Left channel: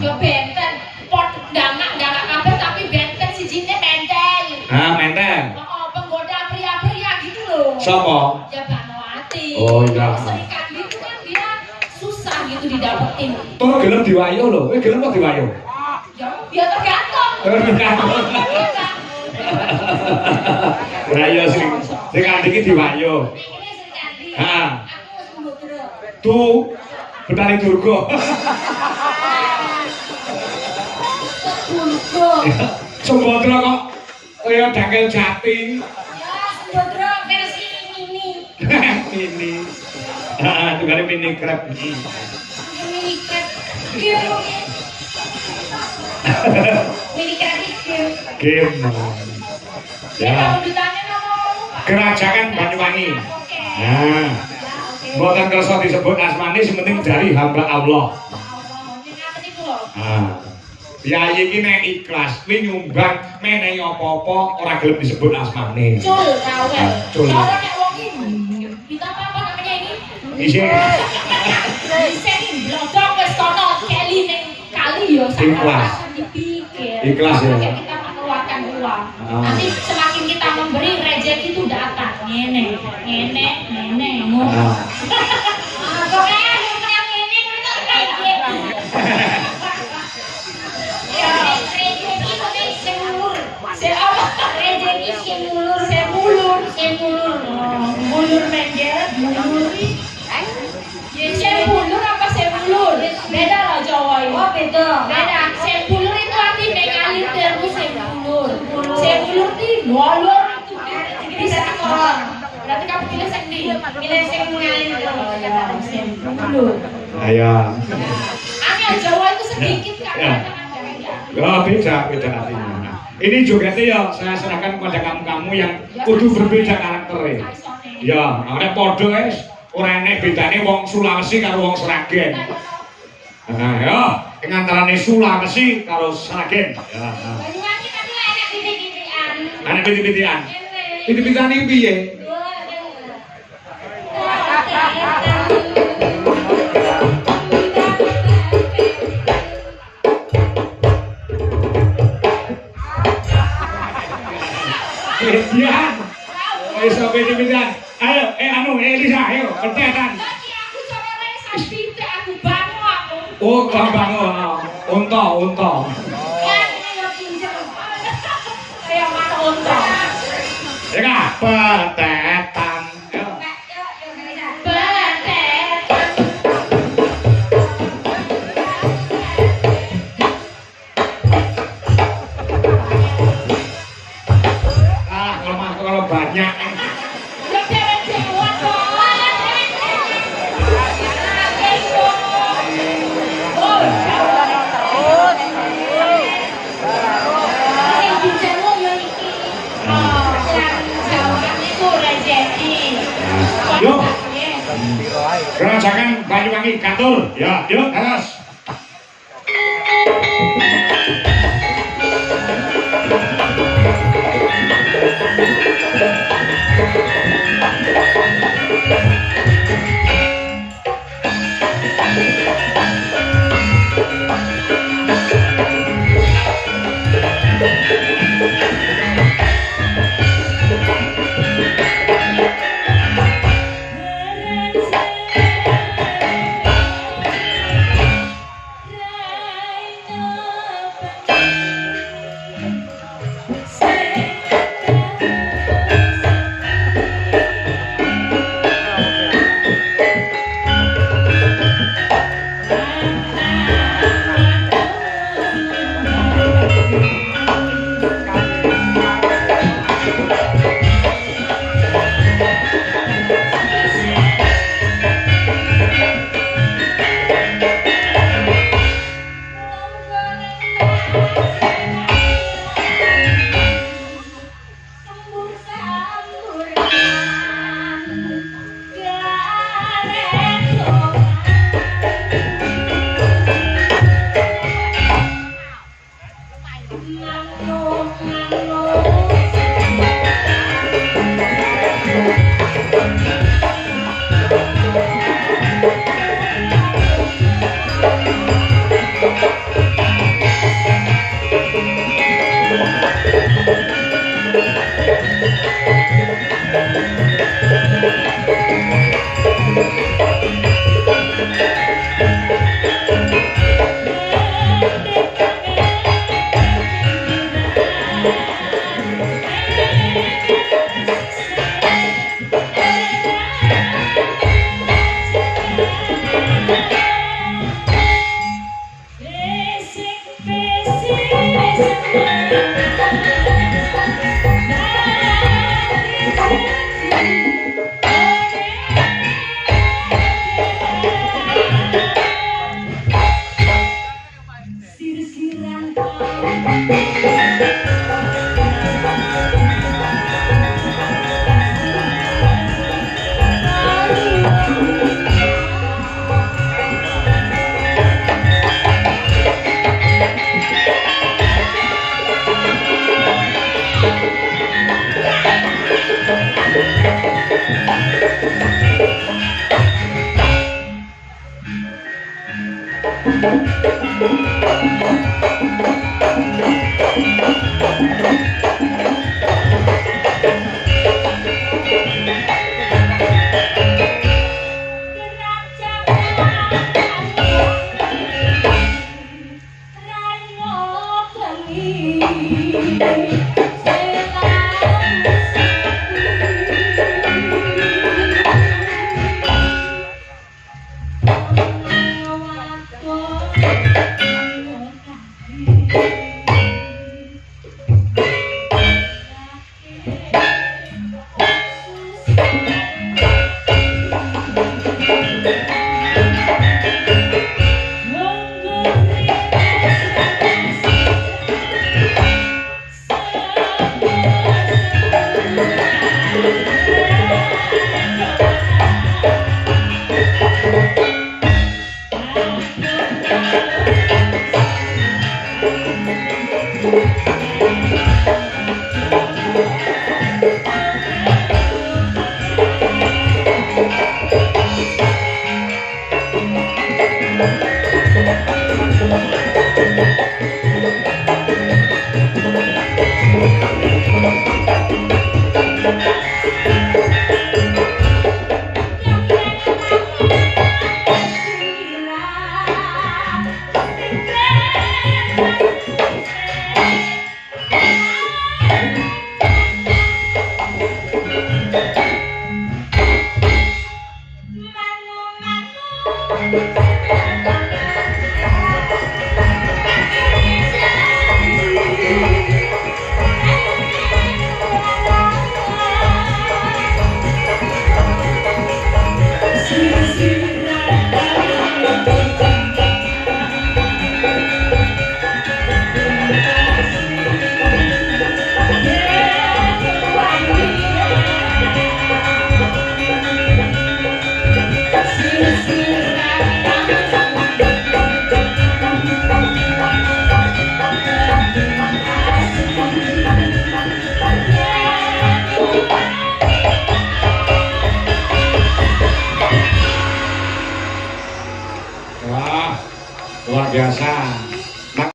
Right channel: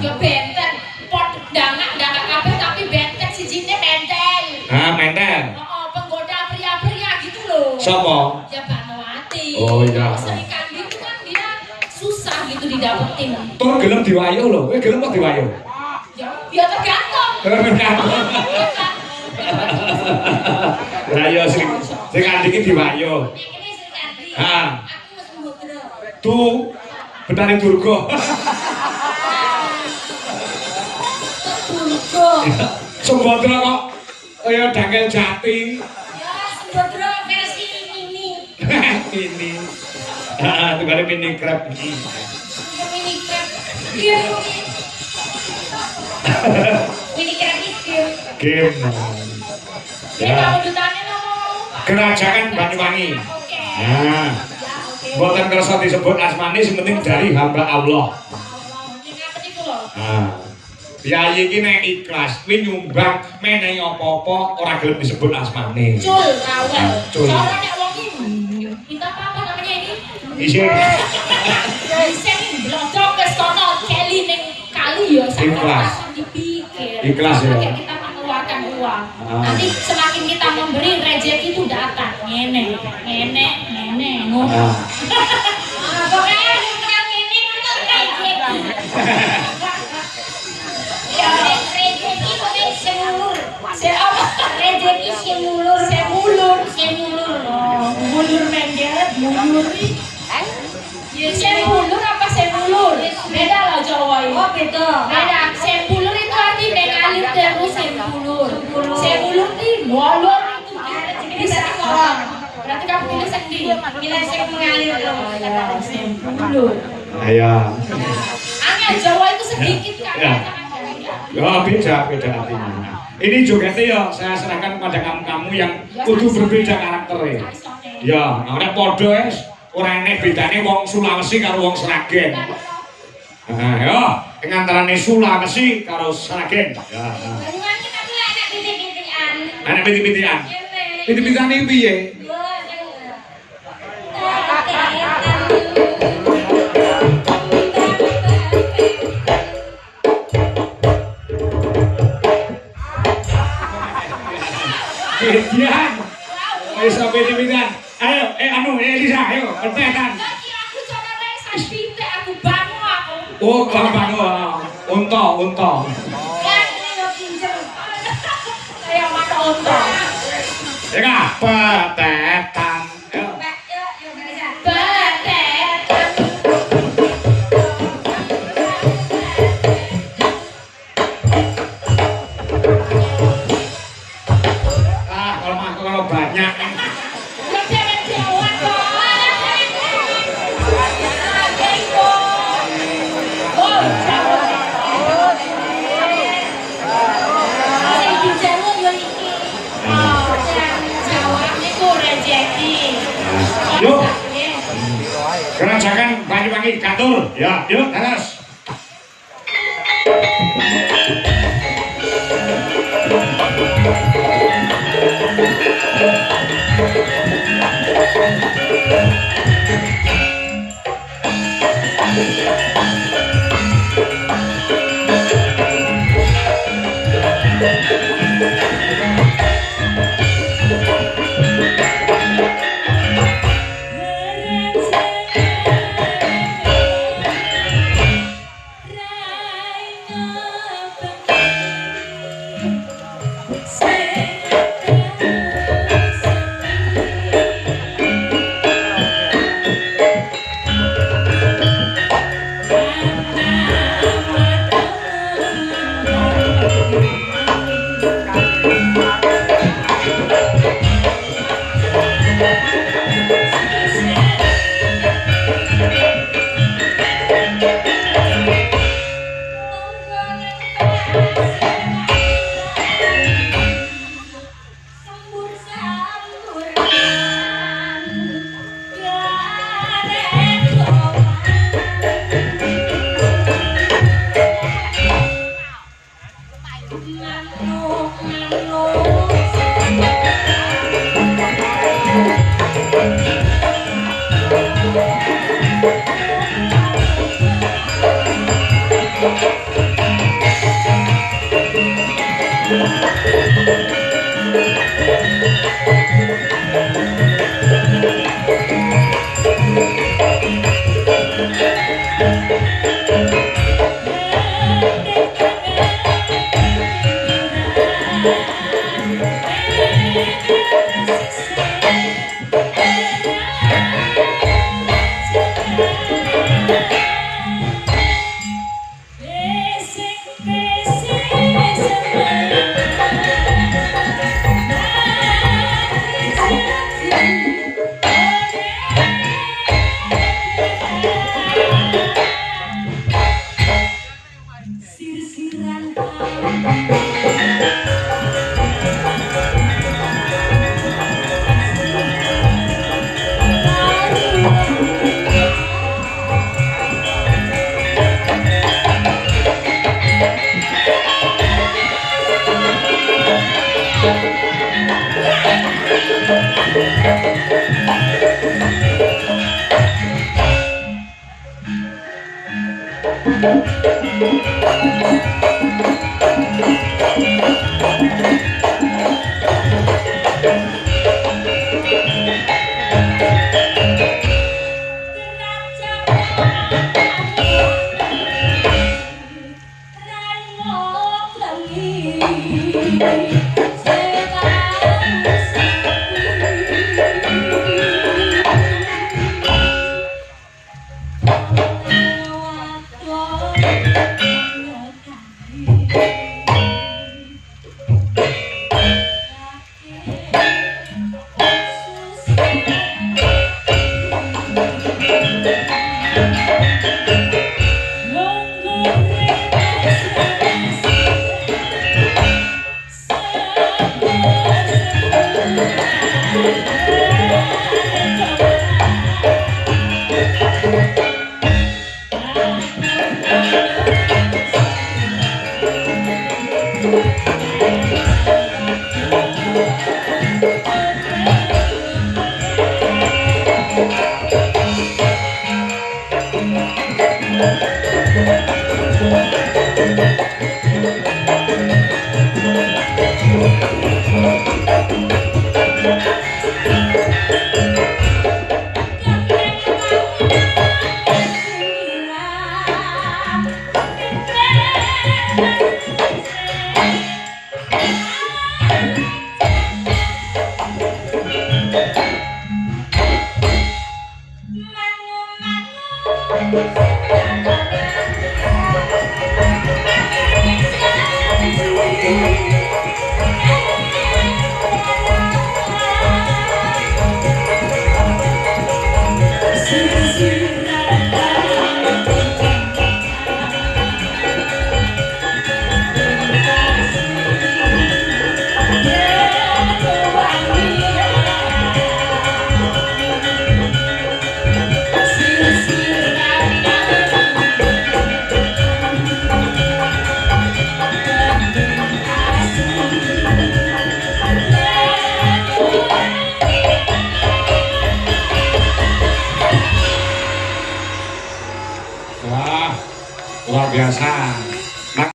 Ya benten. Pot damak kabeh tapi benten sijine mentel. Ah, mentel. Oh, penggoda pria-pria gitu loh. Siapa? Ya Banowati. Oh iya. Sri Kandi itu kan dia susah gitu didapetin. Tur gelem diwayo lho. Kowe gelem kok diwayo? Ya tergantung. Lah ya sing Kandi iki diwayo. Ini Sri Kandi. Ha. Aku wis mbok Tuh Betari Durga. Durga. Sembadra kok kaya Dangkel Jati. Ya Sembadra versi mini. Mini. Heeh, tugane mini crab. Mini crab. Mini crab iki. Game. Ya, Ya. lanjutannya ngomong. Kerajaan Banyuwangi. Oke. Nah, mboten kersa disebut asmane sementing dari hamba Allah. Ngapa itu loh? Nah, Yayi iki nek ikhlas, kuwi nyumbang menehi apa-apa ora gelem disebut asmane. Cul, rawel. Cul. Cara nek wong iki kita apa namanya ini? Isin Isen blodok wis kono keli ning kali ya Ikhlas. sampeyan dipikir. Ikhlas ya. Kayak kita mengeluarkan uang. Ah. Nanti semakin kita memberi rezeki itu datang. Ngene, ngene, ngene, ngono. Nah. Pokoknya yang ngene ngono rezeki. Ya, rezeki pokoknya semulur. Rezeki semulur, semulur, semulur. Mulur mendet, mulur. Ya, semulur apa semulur? Beda lah Jawa itu. Oh, beda. Beda. Semulur itu arti mengalir terus semulur. Semulur itu molor itu bisa orang. Berarti kamu pilih sendiri. Pilih yang mengalir terus. Semulur. Ayo. Angel Jawa itu sedikit kan. Ya. Ya beda artinya. Ini jogetnya ya saya serahkan kepada kamu yang kudu berbeda karakternya. Ya, nek podo wis ora enek bedane wong Sulawesi karo wong Sragen. Nah, ya, ing antarane Sulawesi karo Sragen. Ya. Banyuwangi tapi enak titik-titikan. Enek piti-pitian. Piti-pitane piye? Pitian. Wis piti-pitian. Ayo, anu Elisa, ayo, entekan. Aku coba saya titik aku bangun aku. Oh, bangun. Unta. Kayak mata unta. Ya apa tetan? Ah, kalau banyak. Yuk, kerajaan Banyuwangi Katul. Ya, yuk, terus. Thank you. Wah, luar biasa.